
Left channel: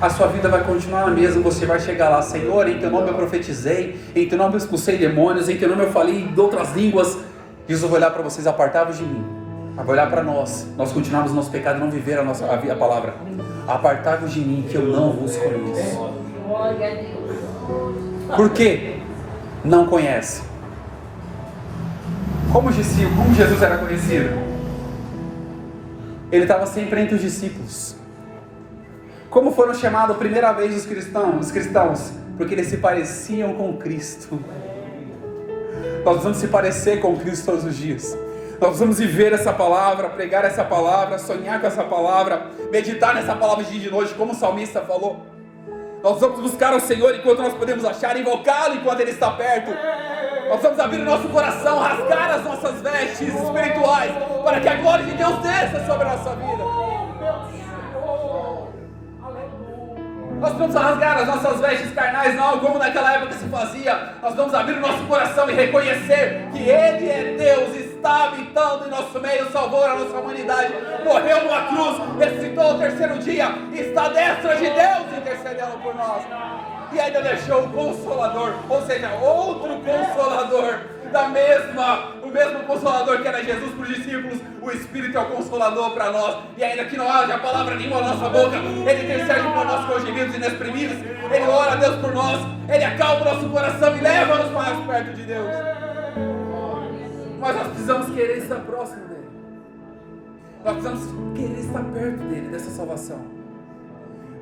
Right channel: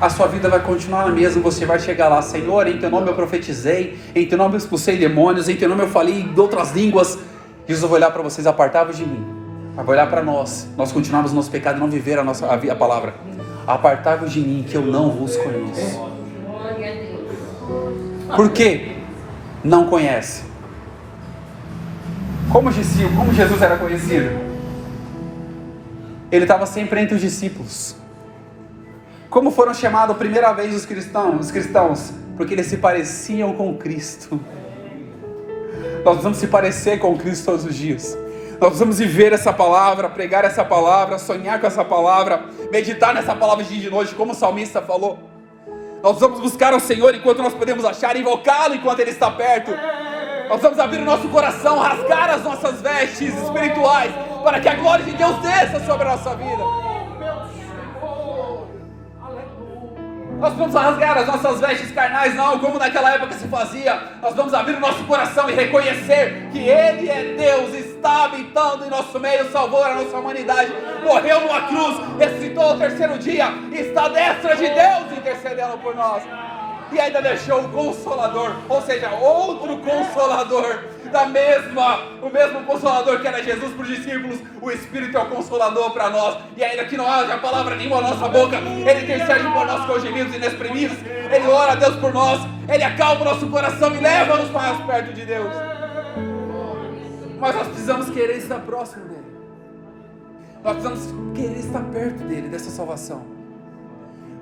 a sua vida vai continuar a mesma. Você vai chegar lá: Senhor, em teu nome eu profetizei, em teu nome eu expulsei demônios, em teu nome eu falei em outras línguas. Jesus vai olhar para vocês: apartai-vos de mim. Vai olhar para nós continuarmos no nosso pecado e não viver a palavra. Apartai-vos de mim, que eu não vos conheço. Por quê? Não conhece. Como Jesus era conhecido? Ele estava sempre entre os discípulos. Como foram chamados a primeira vez os cristãos? Porque eles se pareciam com Cristo. Nós precisamos se parecer com Cristo todos os dias. Nós precisamos viver essa palavra, pregar essa palavra, sonhar com essa palavra, meditar nessa palavra de dia e de noite, como o salmista falou. Nós precisamos buscar o Senhor enquanto nós podemos achar, invocá-lo enquanto Ele está perto. Nós precisamos abrir o nosso coração, rasgar as nossas vestes espirituais, para que a glória de Deus desça sobre a nossa vida. Nós precisamos rasgar as nossas vestes carnais, não como naquela época se fazia. Nós vamos abrir o nosso coração e reconhecer que Ele é Deus, está habitando em nosso meio, salvou a nossa humanidade, morreu numa cruz, ressuscitou ao terceiro dia, está à destra de Deus intercedendo por nós. E ainda deixou o Consolador, ou seja, outro Consolador, o mesmo Consolador que era Jesus para os discípulos. O Espírito é o Consolador para nós. E ainda que não haja palavra nenhuma na nossa boca, Ele intercede por nós com gemidos inexprimíveis. Ele ora a Deus por nós, Ele acalma o nosso coração e leva-nos mais perto de Deus. Mas nós precisamos querer estar próximo dEle. Nós precisamos querer estar perto dEle, dessa salvação.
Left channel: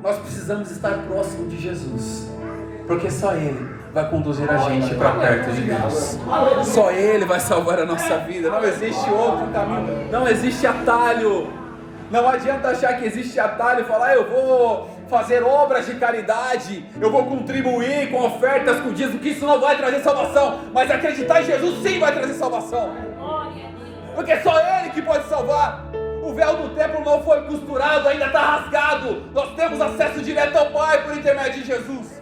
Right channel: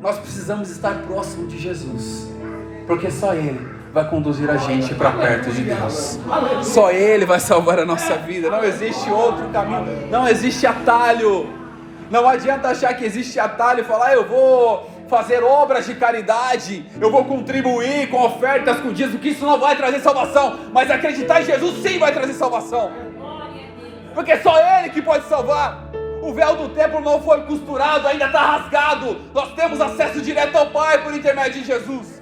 Nós precisamos estar próximo de Jesus, porque só Ele vai conduzir a gente para perto de Deus. Só Ele vai salvar a nossa vida. Não existe outro caminho, não existe atalho. Não adianta achar que existe atalho e falar, eu vou fazer obras de caridade, eu vou contribuir com ofertas, com dízimo, que isso não vai trazer salvação. Mas acreditar em Jesus sim vai trazer salvação. Porque só Ele que pode salvar. O véu do templo não foi costurado, ainda está rasgado. Nós temos acesso direto ao Pai por intermédio de Jesus.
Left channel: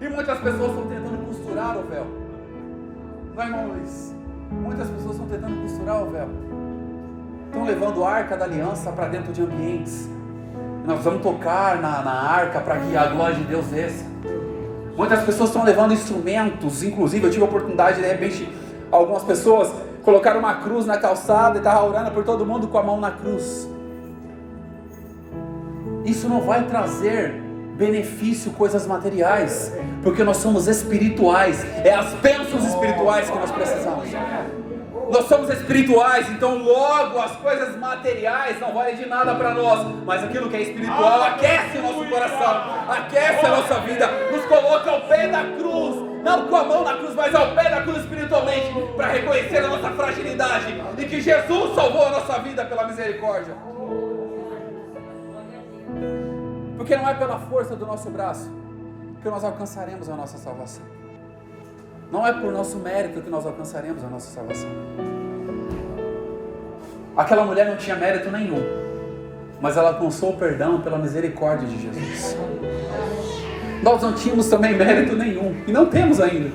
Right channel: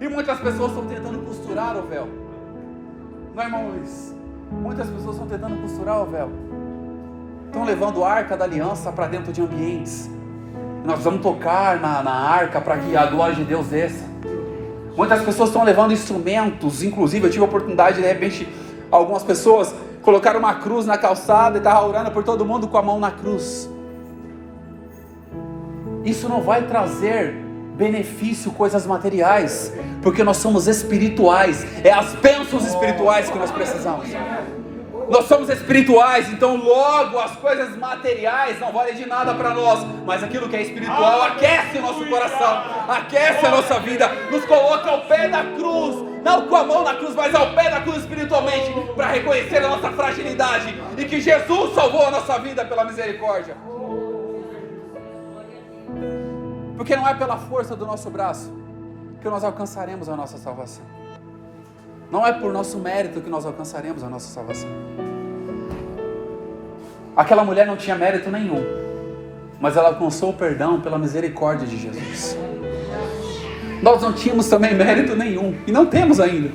E muitas pessoas estão tentando costurar o véu. Não, irmão Luiz? Muitas pessoas estão tentando costurar o véu. Estão levando a arca da aliança para dentro de ambientes. Nós vamos tocar na arca para que a glória de Deus desça. Muitas pessoas estão levando instrumentos. Inclusive eu tive a oportunidade, de repente, algumas pessoas colocaram uma cruz na calçada e estavam orando por todo mundo com a mão na cruz. Isso não vai trazer benefício, coisas materiais, porque nós somos espirituais. É as bênçãos espirituais que nós precisamos. Nós somos espirituais, então logo as coisas materiais não valem de nada para nós, mas aquilo que é espiritual aquece o nosso coração, aquece a nossa vida, nos coloca ao pé da cruz, não com a mão na cruz, mas ao pé da cruz espiritualmente, para reconhecer a nossa fragilidade e que Jesus salvou a nossa vida pela misericórdia. Porque não é pela força do nosso braço que nós alcançaremos a nossa salvação. Não é por nosso mérito que nós alcançaremos a nossa salvação. Aquela mulher não tinha mérito nenhum, mas ela alcançou o perdão pela misericórdia de Jesus. Nós não tínhamos também mérito nenhum, e não temos ainda,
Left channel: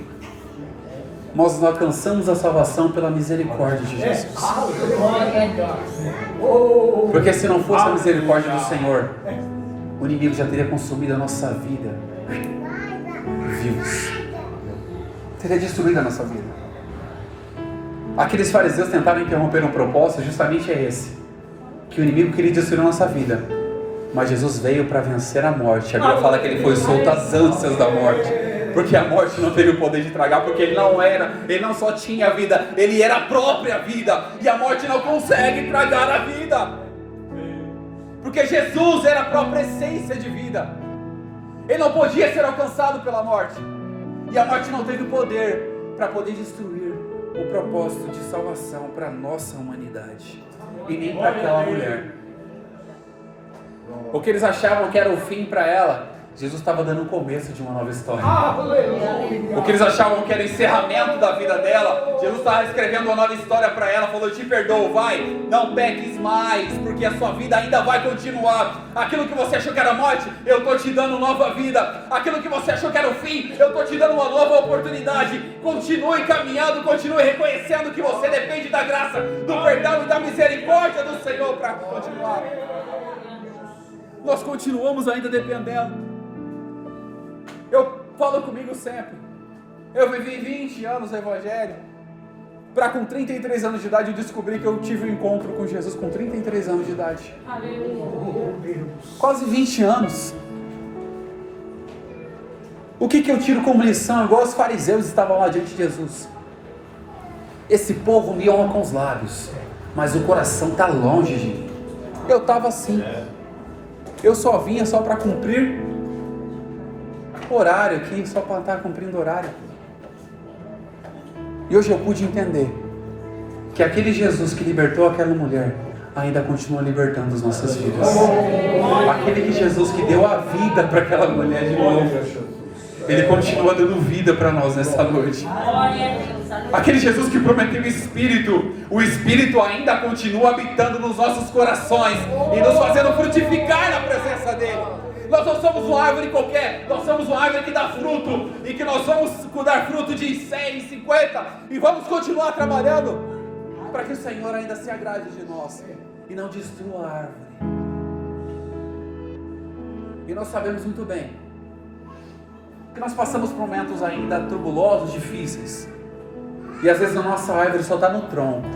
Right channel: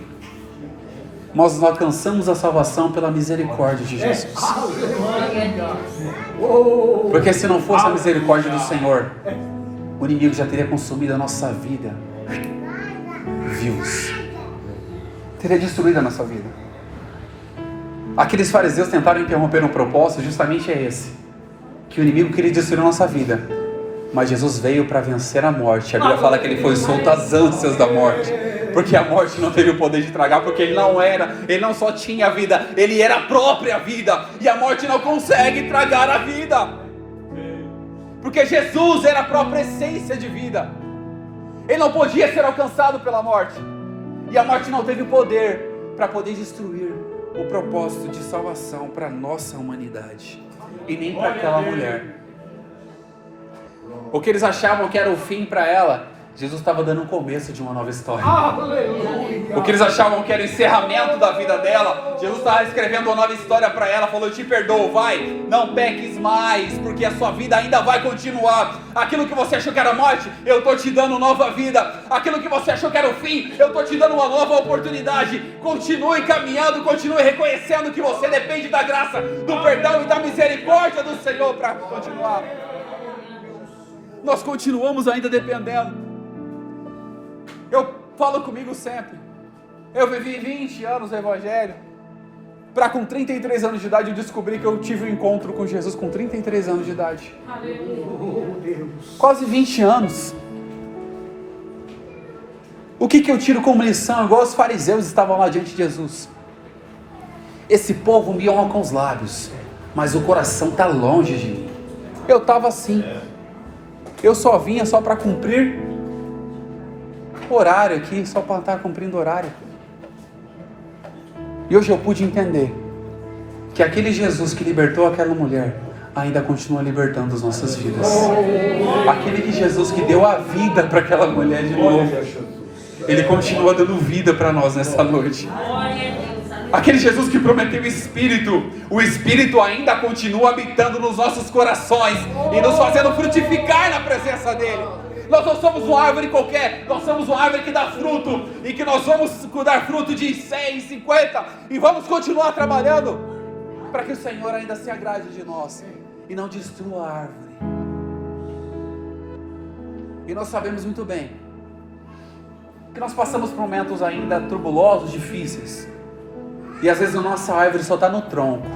mas nós alcançamos a salvação pela misericórdia de Jesus. Porque se não fosse a misericórdia do Senhor, o inimigo já teria consumido a nossa vida, vivos, teria destruído a nossa vida. Aqueles fariseus tentaram interromper um propósito, justamente é esse, que o inimigo queria destruir a nossa vida, mas Jesus veio para vencer a morte. A Bíblia fala que ele foi solto às ânsias da morte, porque a morte não teve o poder de tragar, porque ele não só tinha a vida, ele era a própria vida, e a morte não consegue tragar a vida, porque Jesus era a própria essência de vida. Ele não podia ser alcançado pela morte, e a morte não teve o poder para poder destruir o propósito de salvação para a nossa humanidade, e nem para aquela mulher. O que eles achavam que era o fim para ela, Jesus estava dando o começo de uma nova história. O que eles achavam que era o encerramento da vida dela, Jesus estava escrevendo uma nova história para ela. Falou: eu te perdoo, vai, não peques mais, porque a sua vida ainda vai continuar. Aquilo que você achou que era morte, eu estou te dando nova vida. Aquilo que você achou que era o fim, eu estou te dando uma nova oportunidade. Continue caminhando, continue reconhecendo que você depende da graça, do perdão e da misericórdia do Senhor para continuar. Nós continuamos ainda dependendo. Eu falo comigo sempre, eu vivi 20 anos no Evangelho, para com 33 anos de idade eu descobri que eu tive um encontro com Jesus com 33 anos de idade. Quase 20 anos. O que eu tiro como lição? Igual os fariseus estavam lá diante de Jesus. Esse povo me honra com os lábios, mas o coração está longe de mim. Eu estava assim. Eu só vinha só para cumprir horário aqui, só para estar cumprindo horário. E hoje eu pude entender que aquele Jesus que libertou aquela mulher ainda continua libertando as nossas vidas. Aquele Jesus que deu a vida para aquela mulher de novo, ele continua dando vida para nós nessa noite. Aquele Jesus que prometeu o Espírito ainda continua habitando nos nossos corações e nos fazendo frutificar na presença dele. Nós não somos uma árvore qualquer, nós somos uma árvore que dá fruto, e que nós vamos dar fruto de 100, 50, e vamos continuar trabalhando, para que o Senhor ainda se agrade de nós, e não destrua a árvore. E nós sabemos muito bem, que nós passamos por momentos ainda turbulosos, difíceis, e às vezes a nossa árvore só está no tronco,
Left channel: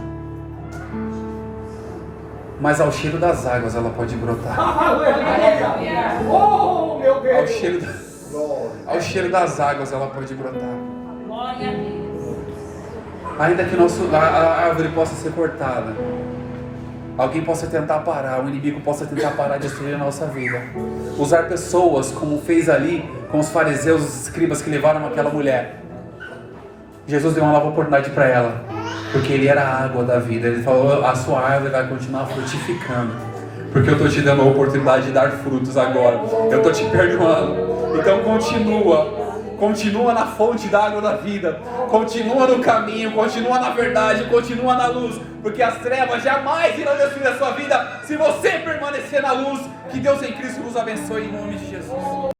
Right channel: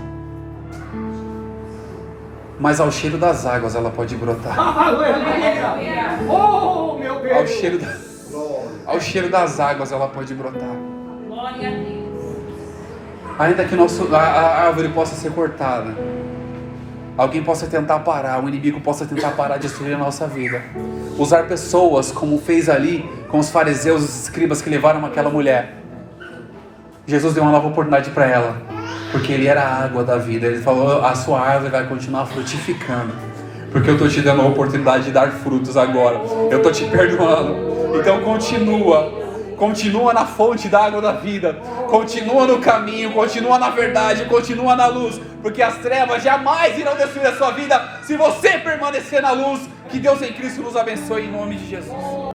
mas ao cheiro das águas ela pode brotar. Ao cheiro das águas ela pode brotar. Ainda que a árvore possa ser cortada, alguém possa tentar parar, o inimigo possa tentar parar, destruir a nossa vida, usar pessoas como fez ali com os fariseus, os escribas que levaram aquela mulher. Jesus deu uma nova oportunidade para ela. Porque Ele era a água da vida. Ele falou, a sua árvore vai continuar frutificando. Porque eu estou te dando a oportunidade de dar frutos agora. Eu estou te perdoando. Então continua na fonte da água da vida. Continua no caminho, continua na verdade, continua na luz. Porque as trevas jamais irão destruir a sua vida se você permanecer na luz. Que Deus em Cristo nos abençoe em nome de Jesus.